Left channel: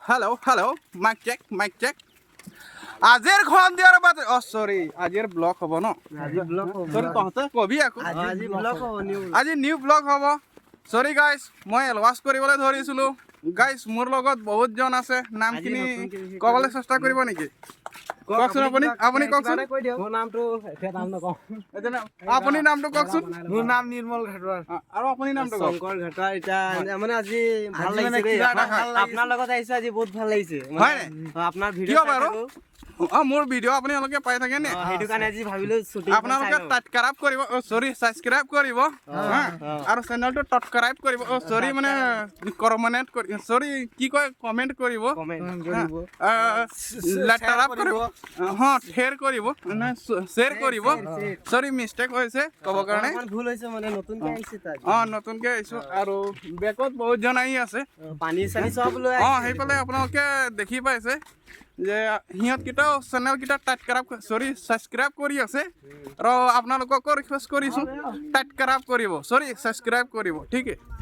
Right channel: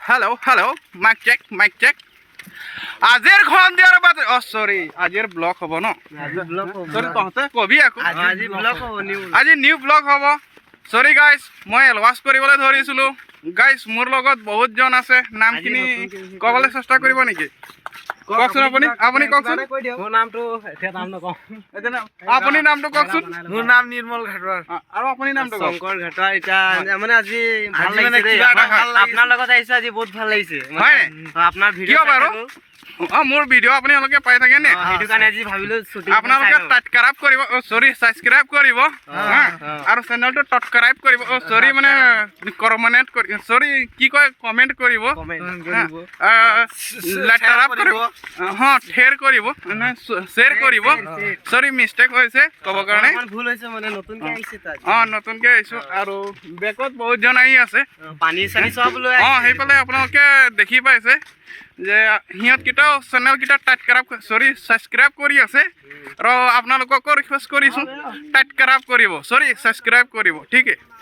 hello' Mike check আজিৰ খন দিয়াৰ বাদ সৰি আজিৰ ব্লগ হ'ব ন সৰি তহঁতে কবি আকৌ আজি নিউ ব্লগ হ'ব সৰি গাইজ মই এলৱাছ কৰিবলৈ ধৰিছিলোঁ গাইজ মোৰ লগত বহুতজন আছে নামখিনি ক'বলৈ চেষ্টা কৰিব নেকি কওকচোন আপুনি কওকচোন মোৰ নামটো এতিয়া নাম নকওঁ আপুনি নামটো কওকচোন মোৰ নাম নিৰ্মল ঘাটুৱাৰ আৰু আপুনি নামটো কওক শংকৰ ঘাটুৱাৰ এতিয়া মানে আজি ভাল লাগিছে দেই আপোনাৰ লগত আহিছো আজি বহুত ভাল লাগিছে হয় আপোনাৰ কিয় ভিডিঅ' বাৰু মোৰ ভিডিঅ' আপোনালোকে পাই থাকে নে সেইটো কাৰণে আজি ভাবিলো আপোনালোকে সাবস্ক্ৰাইব কৰিব সাবস্ক্ৰাইব কৰিব আৰু চেনেলটো সাবস্ক্ৰাইব কৰিব সৰি মানে কমেণ্ট কৰি সৰি কি কয় কমেণ্ট কৰিব লেটাৰ কৰিব শ্বেয়াৰ কৰিব শ্বেয়াৰ কৰিব সৰি মিষ্টেক হৈছে ক'ব কাৰণে ভুল হৈছে মানে নতুনকে আহিছে নতুনকে আহিছোঁ আৰু বেকত বহুতজন আহি আছে পানী চানী চব লৈ সেইফালে আপোনালোকে দেখি পাইছে যে সিহঁতকেইটাও চেনেলকেইটা ছাবস্ক্ৰাইব কৰি আছে আৰু আপোনালোককো ৰিকুৱেষ্ট কৰিছোঁ ছাবস্ক্ৰাইব কৰিব ছাবস্ক্ৰাইব কৰিব ঠিক আছে